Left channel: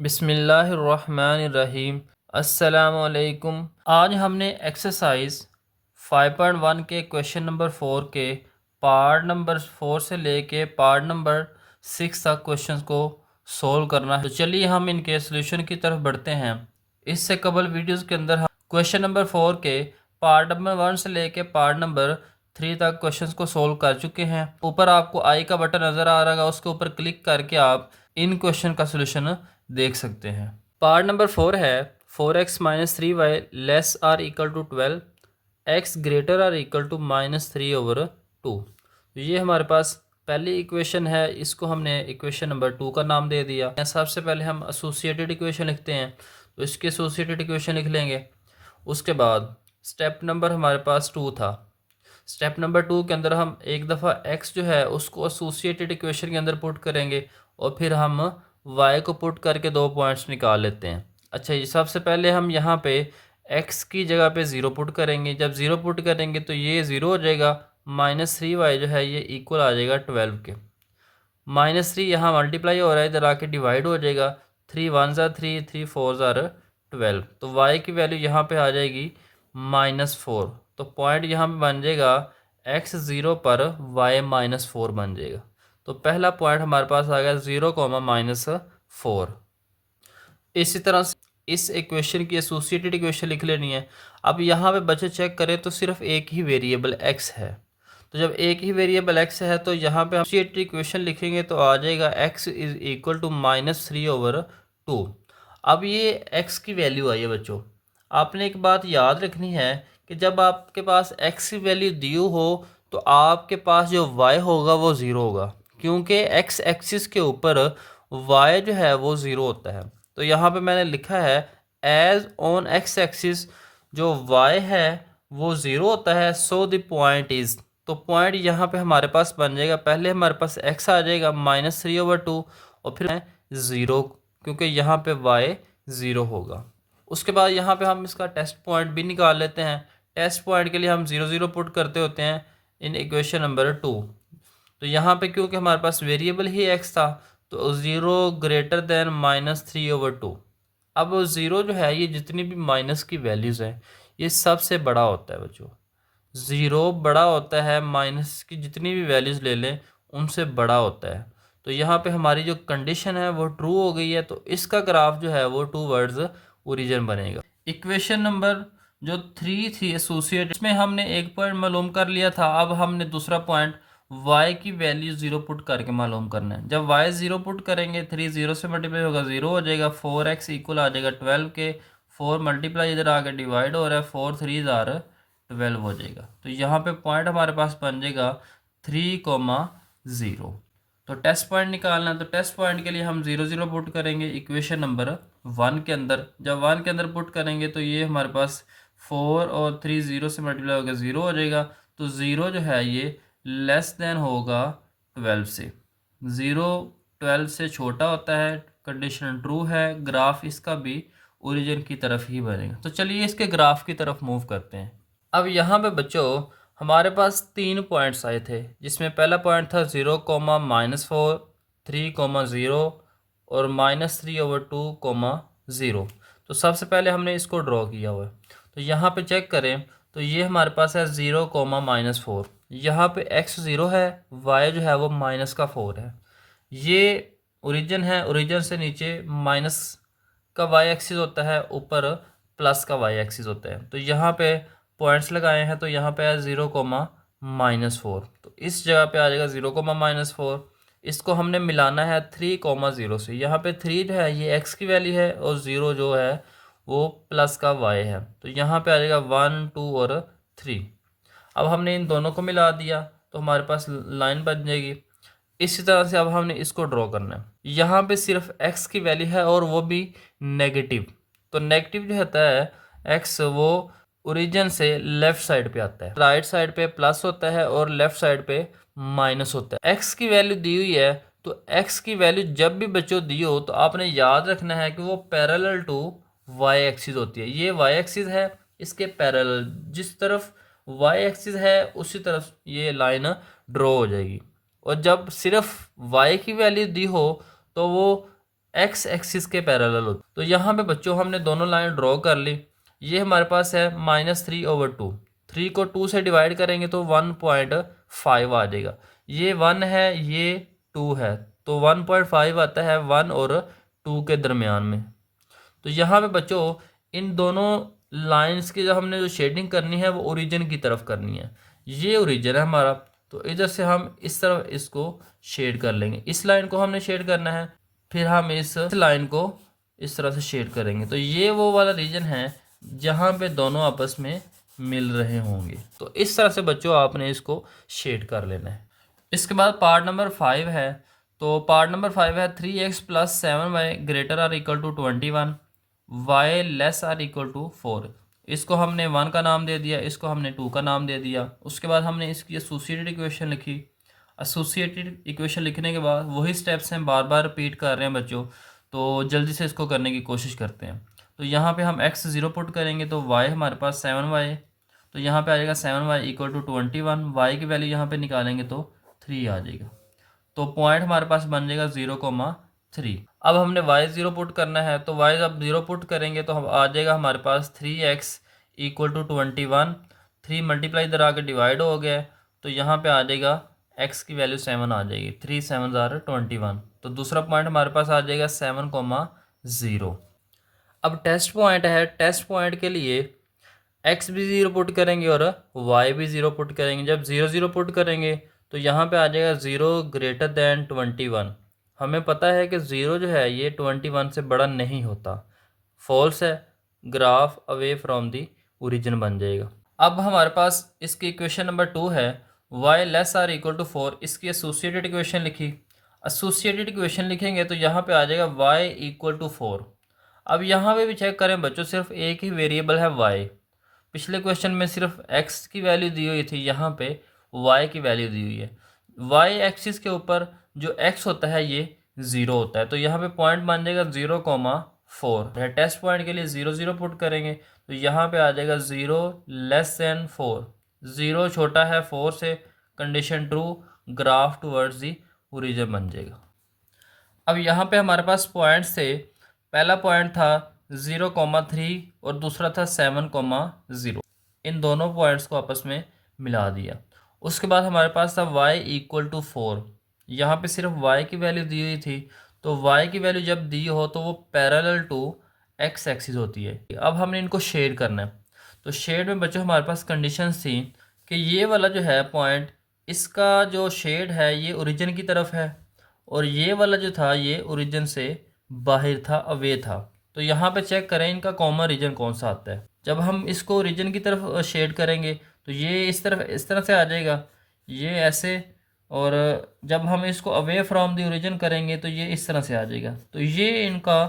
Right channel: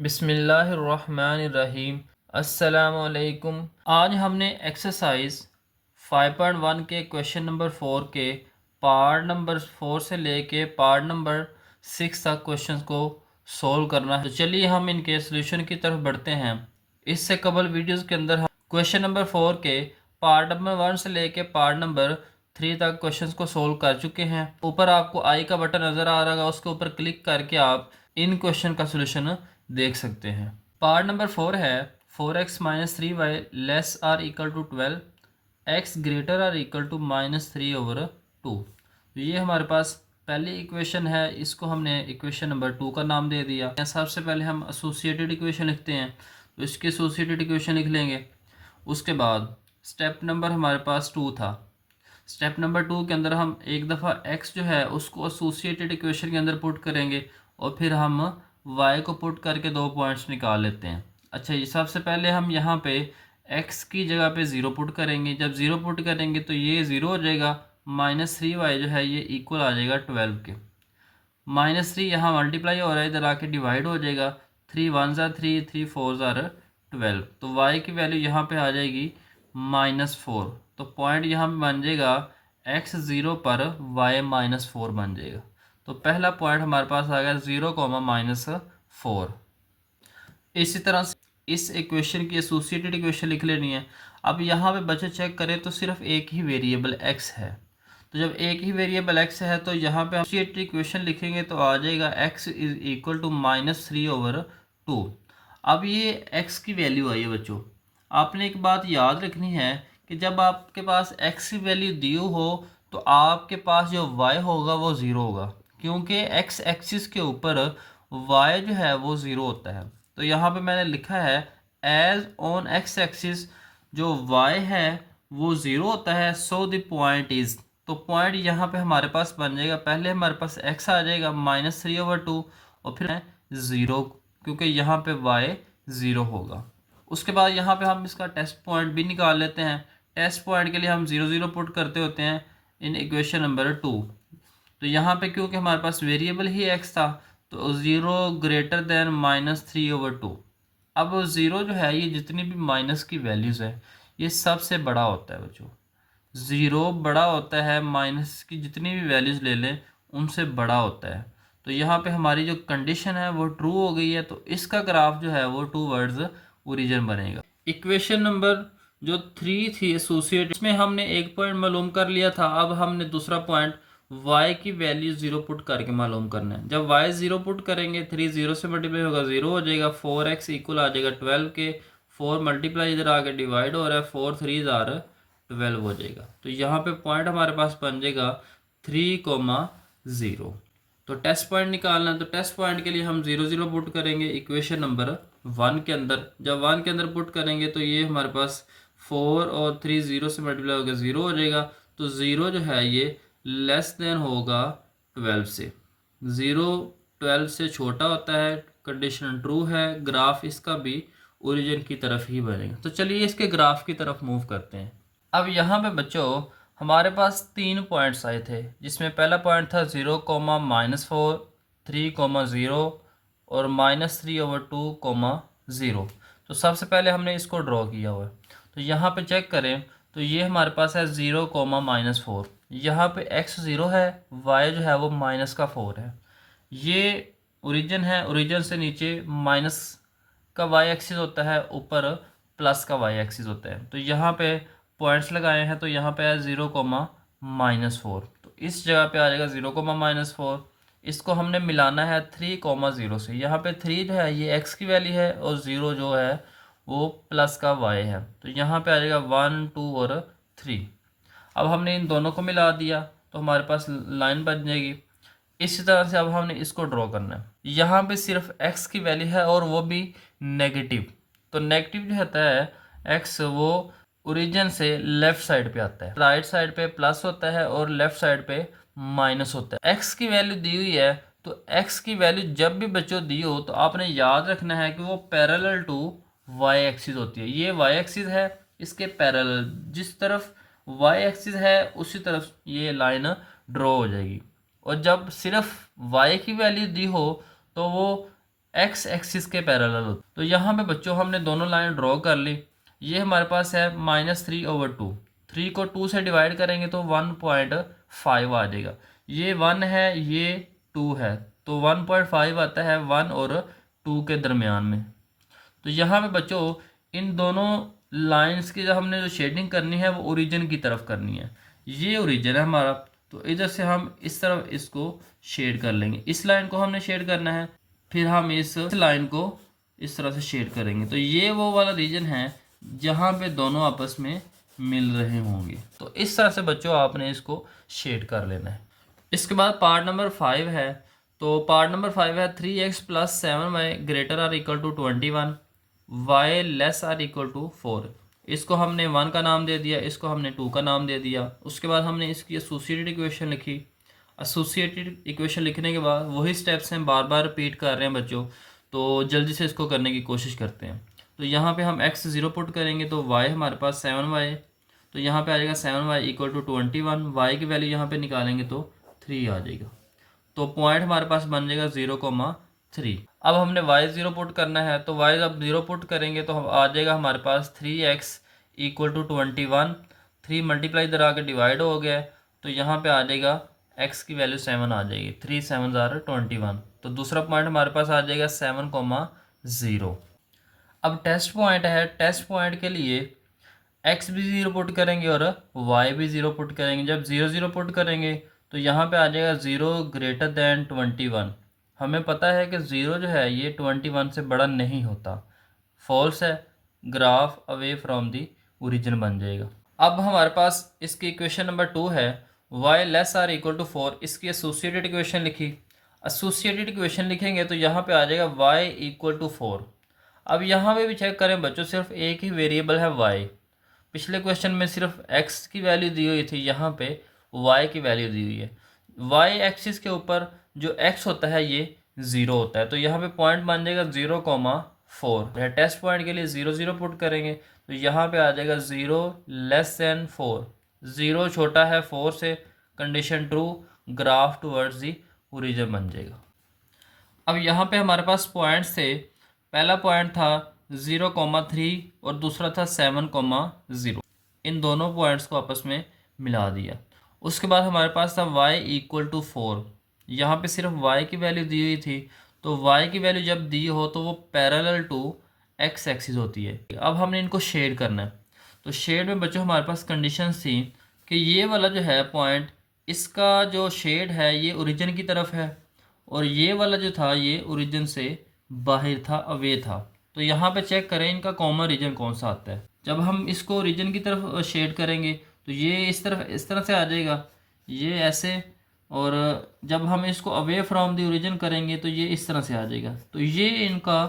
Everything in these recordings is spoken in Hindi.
बिस्मिल्लाहिर्रहमानिर्रहीम। अस्सलामुअलैकुम। आज हमने एक्सरसाइज 5.1 के क्वेश्चन नंबर 4 के पार्ट नंबर 4 से लेके पार्ट नंबर 6 तक क्वेश्चंस को सॉल्व करना है। तो चलिए हम इनके सॉल्यूशन की तरफ बढ़ते हैं। इससे कबल वीडियोस के अंदर हम क्वेश्चन नंबर 4 के पार्ट नंबर 1 से लेके पार्ट नंबर 3 तक क्वेश्चंस को सोल्व कर चुके हैं। ऊपर आपको आई का बटन नज़र आ रहा है, उसके ऊपर क्लिक करके आप इन क्वेश्चन का सोल्यूशन देख सकते हैं। पार्ट नंबर 4 है 4x-3y less or equal to 12, x greater or equal to -3/2। तो ये हमारे पास पहली इक्वेशन है, इसको हमने इक्वेशन नंबर 2 का नाम दे दिया। सबसे पहले हम एसोसिएटेड इक्वेशन लिखते हैं, तो इसकी एसोसिएटेड इक्वेशन लिख लेंगे। उसके बाद स्टेप नंबर हमारे पास 2 था। स्टेप नंबर 2 के अंदर हम एक दफ़ा x जो है उसको एसोसिएटेड इक्वेशन के अंदर पुट करेंगे और फिर हम y को पुट करके 2 पॉइंट्स निकाल लेते हैं। अच्छा जी, सबसे पहले हम यहाँ पे x की जगह पे 0 पुट करेंगे। जब 0 पुट करेंगे तो ये 0 हो जाएगा, -3y जो है ये इक्वल आ जाएगा 12 के। -3 यहाँ मल्टीप्लाई हो रहा है, इधर आके डिवाइड हो जाएगा। 3 1 ज़ा 3, 3 4 ज़ा 12। तो y की वैल्यू यहाँ पे आ जाएगी -4। तो पॉइंट यहाँ पे बन जाएगा x 0 पर y -4 बन जाएगा। तो पहला पॉइंट हमारे पास आ गया 0, -4। इसी तरह से इस इक्वेशन की एसोसिएटेड इक्वेशन लिख लेनी है। अब यहाँ पे बच्चे चेक करें तो सिर्फ एक ही वेरिएबल x है। तो जब एक ही वेरिएबल x है तो यहाँ पे एसोसिएटेड इक्वेशन लिखेंगे तो आ जाएगा x इज इक्वल टू -3/2। अब ये x की वैल्यू आई है बच्चों। आपने एक बात याद रखनी है कि जब आपके पास x की वैल्यू दी हो तो आपके पास जो y होगा वो ज़ीरो होगा, क्योंकि x एक्सिस के ऊपर y जो है वो ज़ीरो होता है। तो यहाँ पे मैंने लिखा है एज ऑन x एक्सिस जो y है वो ज़ीरो होता है, सो द पॉइंट इज़। तो पॉइंट यहाँ पे हमारे पास बन जाएगा, पहले हमारे पास x आ जाएगा -3/2 और फिर 0, क्योंकि यहाँ पे y 0 होगा। उसके बाद यहाँ पे हम इसका टेस्ट पॉइंट भी निकाल लेते हैं। टेस्ट पॉइंट के लिए हम 0 0 पुट करते होते हैं इन इक्वेशन नंबर 2। तो यहाँ पे क्योंकि हमारे पास वेरिएबल ही x था तो 0 ग्रेटर देन -3/2। अब 0 जो है ये जितनी भी माइनस की वैल्यूज़ हैं ये सबसे बड़ा होता है बच्चों। 0 बड़ा होता है, माइनस की जितनी भी वैल्यूज़ ले लें उनसे बड़ा होता है। तो यहाँ पे हमारी जो कंडीशन है वो ट्रू हो गई है, तो इसका ग्राफ जो है वो टू वर्ड्स ओरिजिन बनेगा। इक्वेशन नंबर जो 3 थी एसोसिएट, इसमें हमने एक पॉइंट मालूम कर लिया था। अब हमने दूसरा पॉइंट y की वैल्यू 0 पुट करके मालूम करना है। जब y 0 पुट करेंगे 3 0 से मल्टीप्लाई होगा 0 हो जाएगा, 4x इक्वल आ जाएगा 12 के। 4 मल्टीप्लाई इधर आके डिवाइड हो रहा है, 4 3 12 हो जाएगा। तो यहाँ पे पॉइंट हमारे पास बन जाएगा 3,0। तो टेस्ट पॉइंट निकालना है, तो टेस्ट पॉइंट के लिए हम 0 0 पुट करेंगे इक्वेशन नंबर 1 के अंदर। जब 1 के अंदर पुट करेंगे तो ये हमारे पास 4 और 3 0 से मल्टीप्लाई होकर 0 हो जाएगा। तो 0 जो है ये लेस देन होगा 12 से। 0 12 से छोटा होता है, कंडीशन ट्रू है, ग्राफ इसका भी ओरिजिन की तरफ ही बनेगा। तो चलिए इसके ग्राफ की तरफ मूव करते हैं। अब यहाँ पे बच्चों हमारे पास 3 पॉइंट्स आए थे, जिसमें पहला पॉइंट था 0, -4, 3, 0 और -3/2, 0। तो सबसे पहले हमने इसको ड्रॉ किया हुआ है। तो यहाँ पे चेक करें तो ये हमारे पास है 0, -4। यहाँ पे x 0 है, y जो है वो -4 है। ये ओरिजिन है, ओरिजिन से नीचे माइनस का y एक्सिस होता है, ऊपर प्लस का y एक्सिस होता है। तो यहाँ पे पॉइंट्स लगाए हैं, तो यहाँ पे है 0, -4। तो इस जगह पे आ जाएगा 0, -4। इसको हमने मिलाना है 3, 0 से। यहाँ पे 3 जो है ये x की वैल्यू है और 0 जो है वो प्लस का y है। तो यहाँ पे आ जाएगा 1, 2 और 3। अब हमने इन दोनों को मिला दिया तो हमारे पास लाइन बन जाएगी। इसी तरह से अब हमने इसको ड्रॉ करना है। यहाँ पे सिर्फ x की वैल्यू है और वो भी नेगेटिव। तो नेगेटिव जो होता है x वो ओरिजिन से लेफ़्ट साइड पे आता है, राइट साइड पे प्लस होता है और लेफ़्ट साइड पे माइनस होता है। x की वैल्यू दी हुई है, तो x की वैल्यू जब भी बच्चों दी हो तो आपने याद रखना है कि वो पैरेलल टू y एक्सिस होती है। ये y एक्सिस है, इसके पैरेलल जिस तरफ y एक्सिस है उसी तरफ ये लाइन ड्रॉ हो जाएगी। और जब सिर्फ y की वैल्यू दी हो तो वो एक्स एक्सिस के पैरेलल होती। तो यहाँ पे बच्चों हमने दोनों लाइन ड्रॉ कर ली। ये हमारे पास है -3/2। 3 को 2 से डिवाइड करेंगे तो 1.5 आ जाएगा। ये 1 है, ये 2 है, तो 1.5 आता है 1 और 2 के दरमियान में। तो यहाँ पे बच्चों इन दोनों लाइंस की जो हमने जो शेडिंग करनी है वो ओरिजिन की तरफ करनी है। ये ओरिजिन है हमारा, तो इधर से हम इस तरफ इसको शेड कर लेंगे। इस लाइन को हमने शेड करना है, फिर हम इस लाइन को इस तरह से शेड करेंगे। तो ये वो वाला रीजन है जहाँ पे दोनों आपस में मिल रहे होंगे। तो इस तरह से बच्चों आपने इसको शेड कर लेना है। इसके बाद पार्ट नंबर 5 है। तो पार्ट नंबर 5 है 3x + 7y greater or equal to 21, y less or equal to 4। इसको हमने 1 का नाम दे दिया, इसको हमने 2 का नाम दे दिया। उसके बाद हमने इसकी एसोसिएटेड इक्वेशन लिखी। एसोसिएटेड इक्वेशन लिखने के बाद वही स्टेप्स हैं, बार बार रिपीट कर रहे हैं बच्चों, तो जल्दी से इसको करने की कोशिश करते हैं। तो यहाँ पे हम x 0 पुट करेंगे तो y हमारे पास 7y, तो यहाँ पे आ जाएगा 7y इक्वल टू 21। y की वैल्यू यहाँ पे निकालेंगे तो 3 आ जाएगा। तो पॉइंट हमारे पास बन जाएगा 0,3। अब हमने y 0 पुट करना है, तो y जब 0 पुट करेंगे तो हम आ जाएगा हमारे पास 3x इक्वल टू 21। 3 मल्टीप्लाई इधर आके डिवाइड हो गया, तो यहाँ पे आ जाएगा x की वैल्यू 7 आ जाएगी। 3 7 21। तो दूसरा पॉइंट हमारे पास आ जाएगा 7,0। अब टेस्ट पॉइंट है। टेस्ट पॉइंट के लिए x भी 0 पुट करेंगे और y भी 0 पुट करेंगे। जब 0 0 पुट करेंगे तो यहाँ पे आ जाएगा 0 ग्रेटर दैन 21। हमें पता है कि 0 जो है ये 21 से बड़ा नहीं होता, फॉल्स है, graph away from the origin बन जाएगा। अब हमारे पास इसकी इक्वेशन नंबर 2 है y less or equal to 4। इसकी एसोसिएटेड इक्वेशन लिखी। एसोसिएटेड इक्वेशन लिखेंगे तो यहाँ पे आ जाएगा y इक्वल टू 4। अब यहाँ पे भी चेक करें बच्चों, सिर्फ एक ही वेरिएबल है y। पिछले क्वेश्चन में सिर्फ x की वैल्यू दी हुई थी, यहाँ पे y की वैल्यू दी हुई है। y एक्सिस के ऊपर जो x होता है ये 0 होता है, तो यहाँ पे पॉइंट बन जाएगा 0,4। टेस्ट पॉइंट के लिए 0 0 पुट करेंगे तो यहाँ पे आ जाएगा 0 लेस दैन 4। 0 छोटा है 4 से, condition true, graph towards the origin बन जाएगा। अब यहाँ पे हमारे पास पॉइंट्स थे। पहला पॉइंट था 0,3 और दूसरा था 7,0। इन दोनों पॉइंट्स को आपस में मिला दिया। उसके बाद हमारे पास था y इक्वल टू 4। यहाँ पे सिर्फ y की वैल्यू दी हुई थी, तो y की वैल्यू जब दी हो तो वो पैरेलल टू x एक्सिस होती है। अब हमने इनको शेड करना है। तो शेड में बच्चों हमारे पास कंडीशंस थी कि ये वाला जो है पॉइंट, इसका जो शेड है ये ओरिजिन की तरफ है, और ये वाला जो था ये ओरिजिन से बाहर था, अवे था। तो यहाँ पे चेक करें इनका कॉमन रीजन कौन सा आता है। जब हम इसको ओरिजिन की तरफ शेड करेंगे तो ये इस तरह से आ जाएगा, ये ऐसे। और जब हम इसको अवे फ्रॉम द ओरिजिन करेंगे तो ये इस तरह से आ जाएगा। तो ये इनका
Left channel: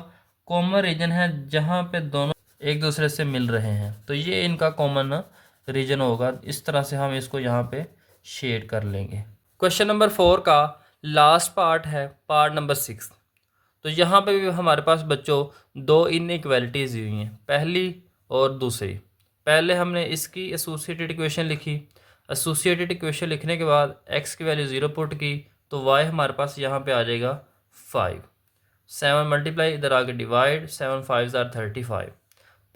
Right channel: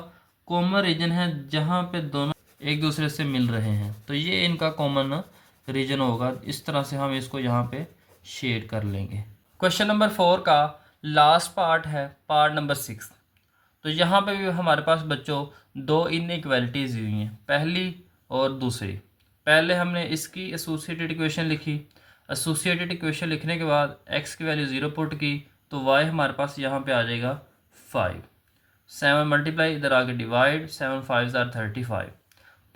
कॉमन रीजन है जहाँ पे दोनों एक दूसरे से मिल रहे हैं, तो ये इनका कॉमन रीजन होगा। इस तरह से हम इसको यहाँ पे शेड कर लेंगे। क्वेश्चन नंबर 4 का लास्ट पार्ट है पार्ट नंबर 6। तो यहाँ पे भी हमारे पास बच्चों दो इनइक्वालिटीज़ हुई हैं, पहली और दूसरी। पहले हमने इसकी एसोसिएटेड इक्वेशन लिखी। एसोसिएटेड इक्वेशन लिखने के बाद x की वैल्यू 0 पुट की तो y हमारे पास यहाँ पे आ जाएगा 5। 7 मल्टीप्लाई इधर आके डिवाइड, 7 5 35।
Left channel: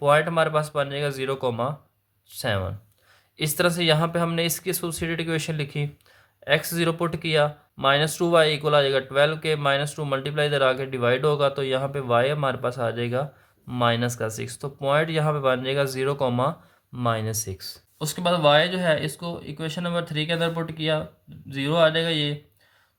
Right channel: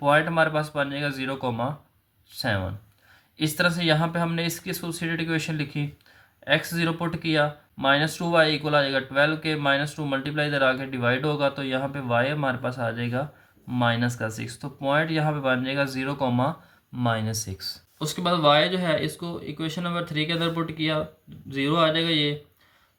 पॉइंट हमारे पास बन जाएगा 0,7। इस तरह से यहाँ पे हमने इसकी एसोसिएटेड इक्वेशन लिखी। x 0 पुट किया, -2y इक्वल आ जाएगा 12 के, -2 मल्टीप्लाई इधर आके डिवाइड होगा तो यहाँ पे y हमारे पास आ जाएगा -6। तो पॉइंट यहाँ पे बन जाएगा 0,-6। उसके बाद y जो है इसको इक्वेशन नंबर 3 के अंदर पुट किया, 0 आ जाएगा ये।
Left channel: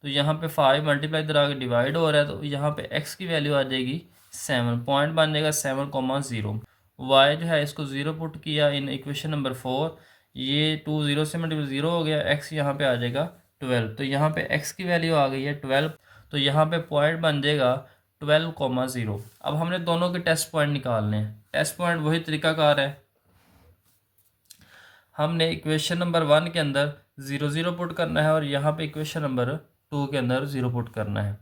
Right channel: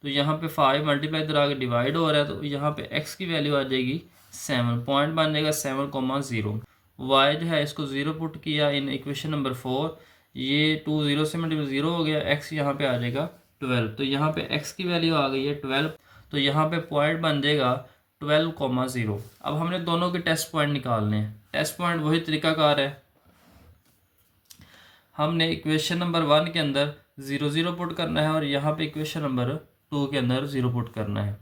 तो यहाँ पे 5 मल्टीप्लाई इधर आके डिवाइड हो रहा है, तो यहाँ पे x की वैल्यू आ जाएगी 7। पॉइंट बन जाएगा 7,0। y जो है इसको 0 पुट किया इन इक्वेशन नंबर 4, ये 2 0 से मल्टीप्लाई 0 हो गया, x यहाँ पे आ जाएगा 12। तो यहाँ पे x की वैल्यू आ गई है 12, तो यहाँ पे पॉइंट बन जाएगा 12,0। अब हमने दोनों के टेस्ट पॉइंट निकालने हैं। टेस्ट पॉइंट वही तरीकाकार है, हमने इक्वेशन नंबर 1 के अंदर 0 0 पुट करना है और यहाँ पे इक्वेशन नंबर 2 के अंदर 0 पुट करना है।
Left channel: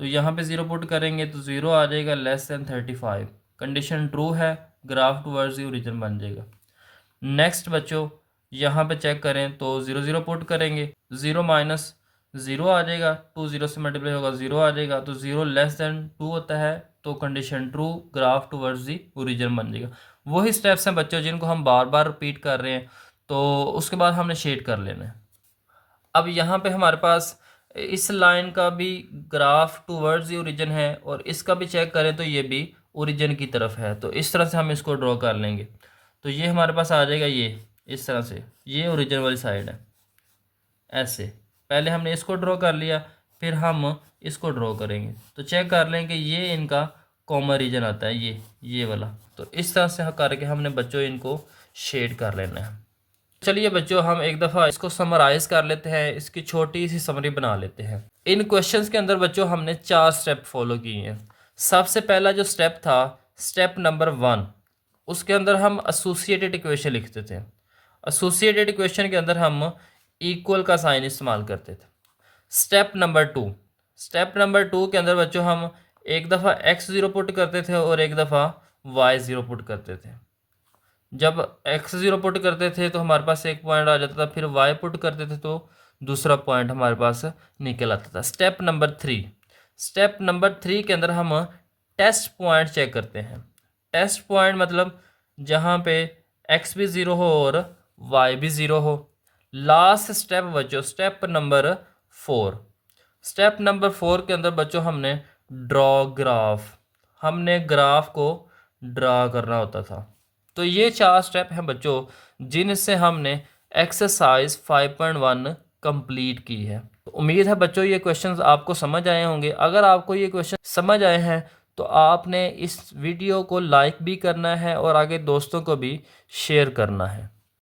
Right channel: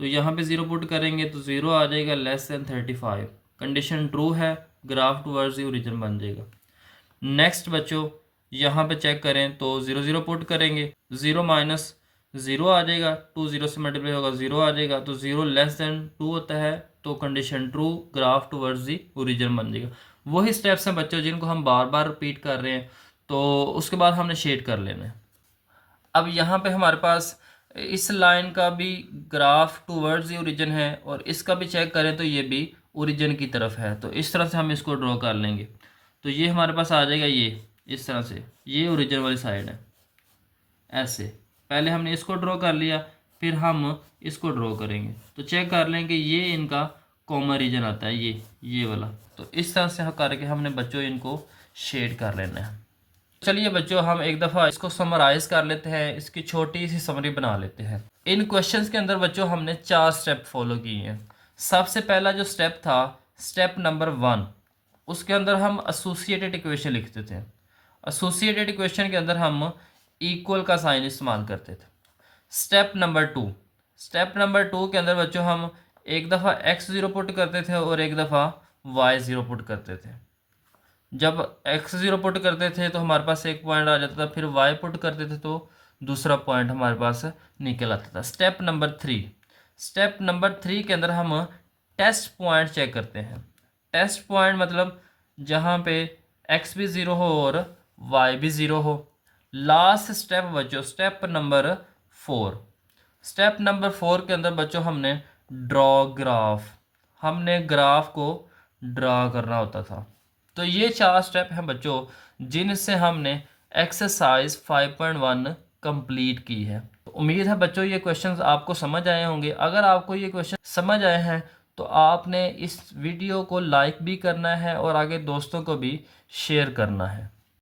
तो यहाँ पे 0 पुट करेंगे तो 0 आ जाएगा लेस दैन 35। कंडीशन ट्रू है, ग्राफ टूवर्ड्स द ओरिजिन बन जाएगा। नेक्स्ट बच्चों यहाँ पे चेक करें तो 0 0 पुट करेंगे, 0 - ज़ीरो आ जाएगा, 2 ज़ीरो से मल्टीप्लाई होगा ज़ीरो आ जाएगा, तो ज़ीरो लेस देन 2 होता है तो condition true, graph towards the origin बन जाएगा। वही स्टेप्स हैं बच्चों जिनको हम बार बार रिपीट कर रहे हैं, तो उसके बाद हमने शेड कर लेना है। अब यहाँ पे हमारे पास इस लाइन का भी ग्राफ टूवर्ड्स दी ओरिजिन है और इसका भी चेक करें तो ये भी ओरिजिन की तरफ है, तो इस तरह से हम इसको ड्रॉ कर लेंगे। तो ये हमारे पास आ जाएगा, ये इस तरह से, ये ओरिजिन वाली साइड है। ऐसे पहले हमने इसको ड्रॉ कर लिया, फिर हम इसको ड्रॉ करेंगे, तो चेक कर लें कि ये इनका कॉमन रीजन आता है, ये वाला। तो इस तरह से करके हमने बच्चों इनको शेड कर लेना है। चलिए बच्चों, हम एक दफ़ा इसको समराइज़ कर लेते हैं, इसकी छोटी सी समरी बना लेते हैं। इन क्वेश्चंस के अंदर बच्चों हमने 4 स्टेप फॉलो किए हैं। सबसे पहला जो स्टेप था, स्टेप नंबर 1, उसके अंदर हम एसोसिएटेड इक्वेशन लिखते थे। एसोसिएटेड इक्वेशन के अंदर हम इक्वल का साइन इस्तेमाल करते थे। स्टेप नंबर टू के अंदर बच्चों हम एक दफ़ा x0 पुट करते थे और एक दफ़ा y0 पुट करते थे। जब x0 पुट करते थे तो हमारे पास एक पॉइंट आ जाता था, फिर y पुट करते थे तो दूसरा पॉइंट हमारे पास निकल आता था। स्टेप नंबर थ्री के अंदर हम टेस्ट पॉइंट चेक करते हैं। टेस्ट पॉइंट मतलब जहाँ पे x भी ज़ीरो हो और y भी ज़ीरो हो। लास्ट स्टेप बच्चों, स्टेप नंबर फोर के अंदर बच्चों हमने हमने ग्राफ को ड्रा करना होता था। तो ये 4 स्टेप हैं बच्चों जिनसे हमने एक्सरसाइज 5.1 कंप्लीट की है। तो उम्मीद है बच्चों ये क्वेश्चंस आपको समझ आए होंगे। अगर आपको ये क्वेश्चन समझ आए हैं तो आपने इस वीडियो को लाइक भी करना है और आगे दोस्तों को भी शेयर करना है।